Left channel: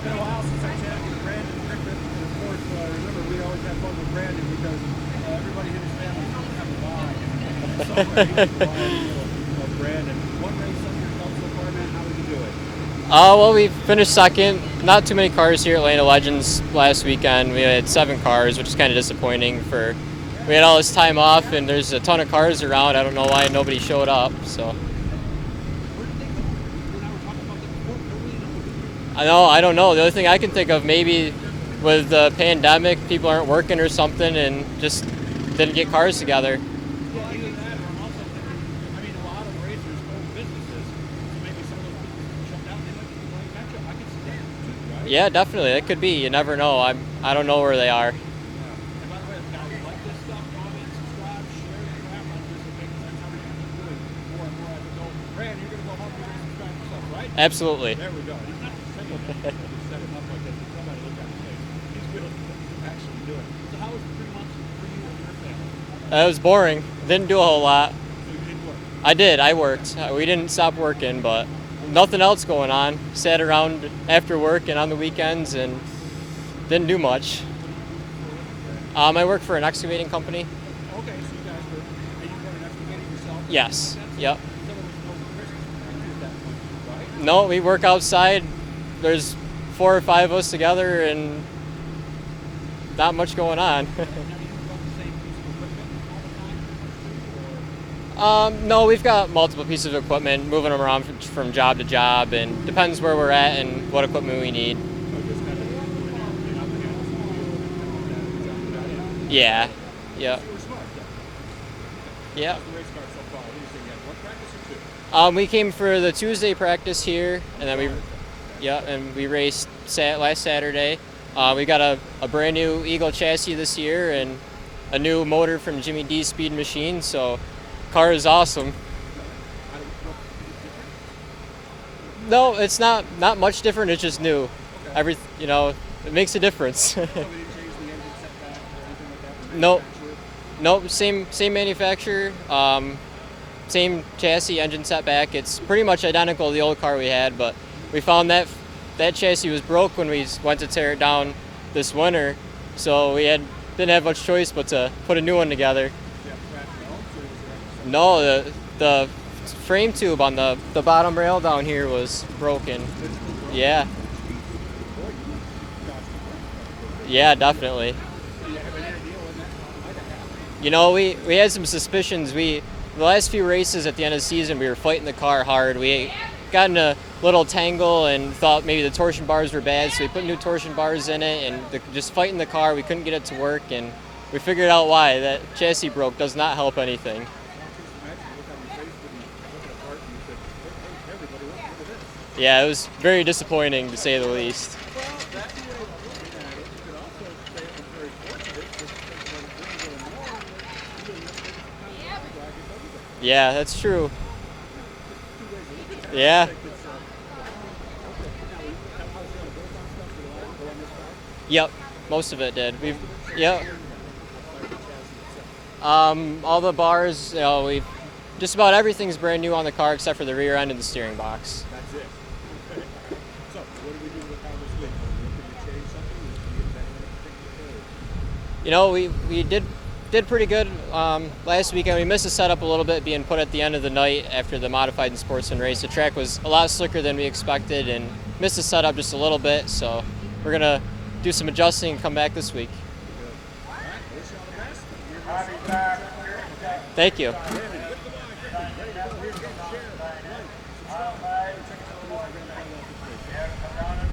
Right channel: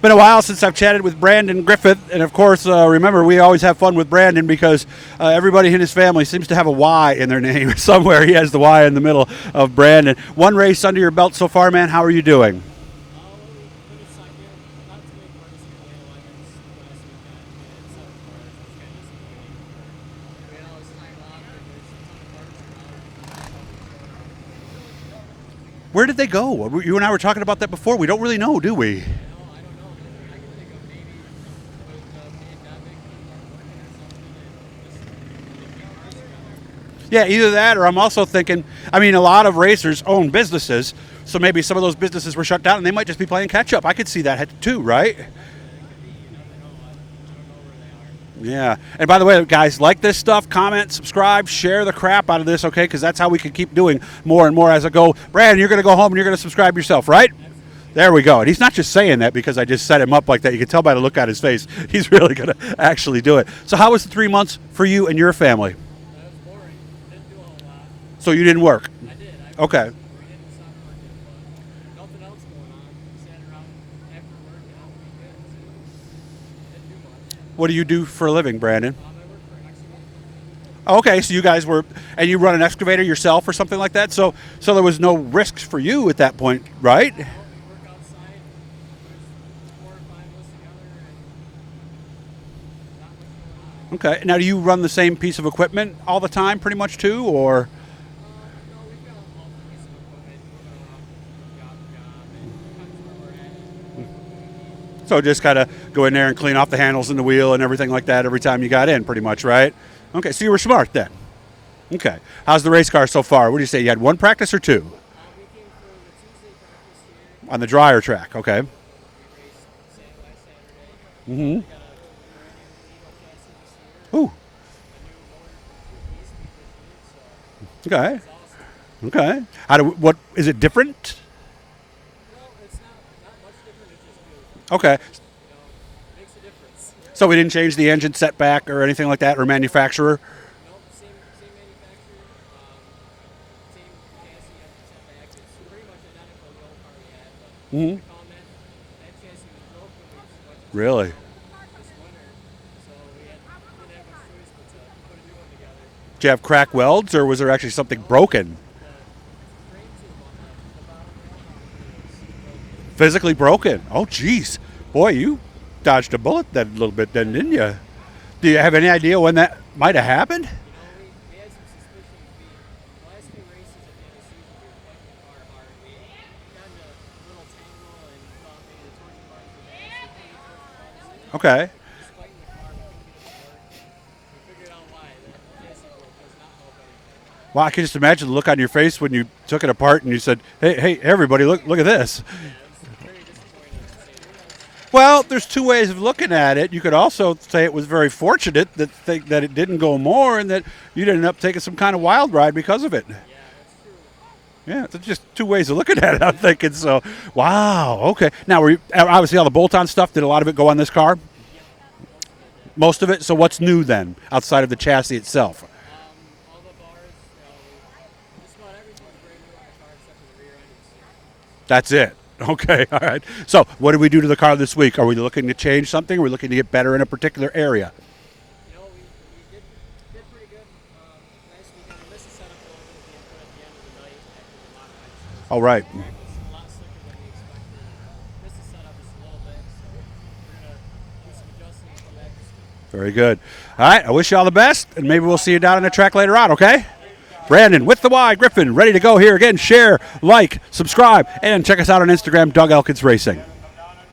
Been a while since I've chatted with Brandyn Griffin, and of course, remember, we always have fun with Brandyn because everybody in his family seems to have a Y in their name somewhere. He has the Y in the middle of Brandyn. One race under your belt so far, man. How are you doing? Well, we finished second. Not too many cars here at Atlanta Legends last weekend. We had 7 cars, which is kind of disappointing. We had all this time off, and there's a ton of cars around. I don't know why nobody showed up. So. Where did they go? You and I were talking about that before. We don't really know, do we? I don't know. The only thing I can think of, maybe with the pandemic, people aren't working or something and just didn't get cars together. Yeah, either that or I'm also thinking, a lot of racers own businesses, so maybe some of those businesses were shut down and they might just be playing catch up. I could see that too, right? Yeah, definitely. That could be. You never know. I don't know where they are. Yeah. And by the way, guys, like this stuff, comment, subscribe, share the crap out of this, okay? Because that's how we can keep doing more and more as I go. Brandyn, you're going to go home and you're going to subscribe yourself, right? Absolutely. There we go. And he's not just saying that because I just set him up like that. You can tell by the look on his face. He's really going to actually do it. So how was the 3 months for you and your family? It was boring. Didn't do a whole lot. So you didn't work? I did. I worked. Okay. We didn't stop working, but nothing else going on. Sat around after work and on the weekends and didn't do much. What do you do for a living, Brandyn? I work for an excavating company. Okay, so you guys and you run an excavator yourself or Yes. something like that? So Yep. so there was no risks for you at that point, right? No, we work outside. There's 4 or 5 of us together and not much going on. Okay. Now, do you run the same piece of equipment all the time pretty much too, or? No, we've got multiple pieces of equipment, moving them around from job to job, and depends where we're at and what equipment we need. So just kind of go in there and clean off the handles and the wheel and everything like that every time you got in, pretty much, Yeah. right? Okay, Yeah. so you were smart then. Okay. Yeah. How's the race car so far? What do you say? You had one practice or 2? We came for the Tuesday practice here. On the and dryer track, okay. Yeah, and we raced last Saturday. Mhm. We got a brand new Eagle chassis this year and a new motor from Jimmy D's Speed Machine, so the car is awesome. Okay. What is it different? No, it's not much different. It's just new. Okay. It makes a difference. So we didn't change the engine setback or anything like that, or manufacturer? Nope, same manufacturer, same chassis, engine setback. It's pretty much identical to the old car we had, but we found that chassis was broke when we went to tear it down this winter, so we didn't have much choice but to put a new one together. Did you have crack welds, or was there actually something No, broken? The frame tube on the bottom rail down here was broken. Physically broken? Yeah. Oh, geez. Boy, you dodged a bullet that little bit Yeah, then, didn't you? definitely. Do you have any idea when that might have happened? We had some suspicions. The last few races at the end of the season, we were fighting the car hard. We got in a little tangle and thought maybe the torsion bars were bad, so we put new torsion bars in it. Okay. And just fighting the car, we couldn't get it to work, and we figured out why. That chassis broke does not help anything. Well, I can just imagine the look on your face when you took it apart and you said, hey, everybody, look at this. Yeah, it was very disappointing, to say the least. Well, there's 2 ways of looking at it. You could also say it was very fortunate that it didn't go more and that you didn't end up taking some kind of wild ride because of it. Yeah, that's true. Yeah, it's just 2 ways of looking at it, Yeah. I'm thinking. So, wow, okay. Now, obviously all the bolt-on stuff, did a lot of it go on this car? Yep, most of it did. Most of it? So what's Yeah. new then, outside of the chassis itself? All the bars, just about everything's brand new on the car except for the rear end and the steering box. That's it. Okay, all right. So what did we do to the car this week? Are we looking to change something? Are we looking to get better in a particular area? We did pretty good last weekend. We missed the setup a little bit, being put at the end of the night after the modified and sports race. Right. The track was a lot slicker than we expected and missed the setup just a little bit, so we're going to do some adjusting and come back this week. Very good. All right, I wish you all the best, and maybe we'll see you down on the track later on, okay? Thank you. Brandyn with the Y, Griffin, ready to go here again. Share, like, subscribe, and check us out on Instagram, Doug Elkins Racing.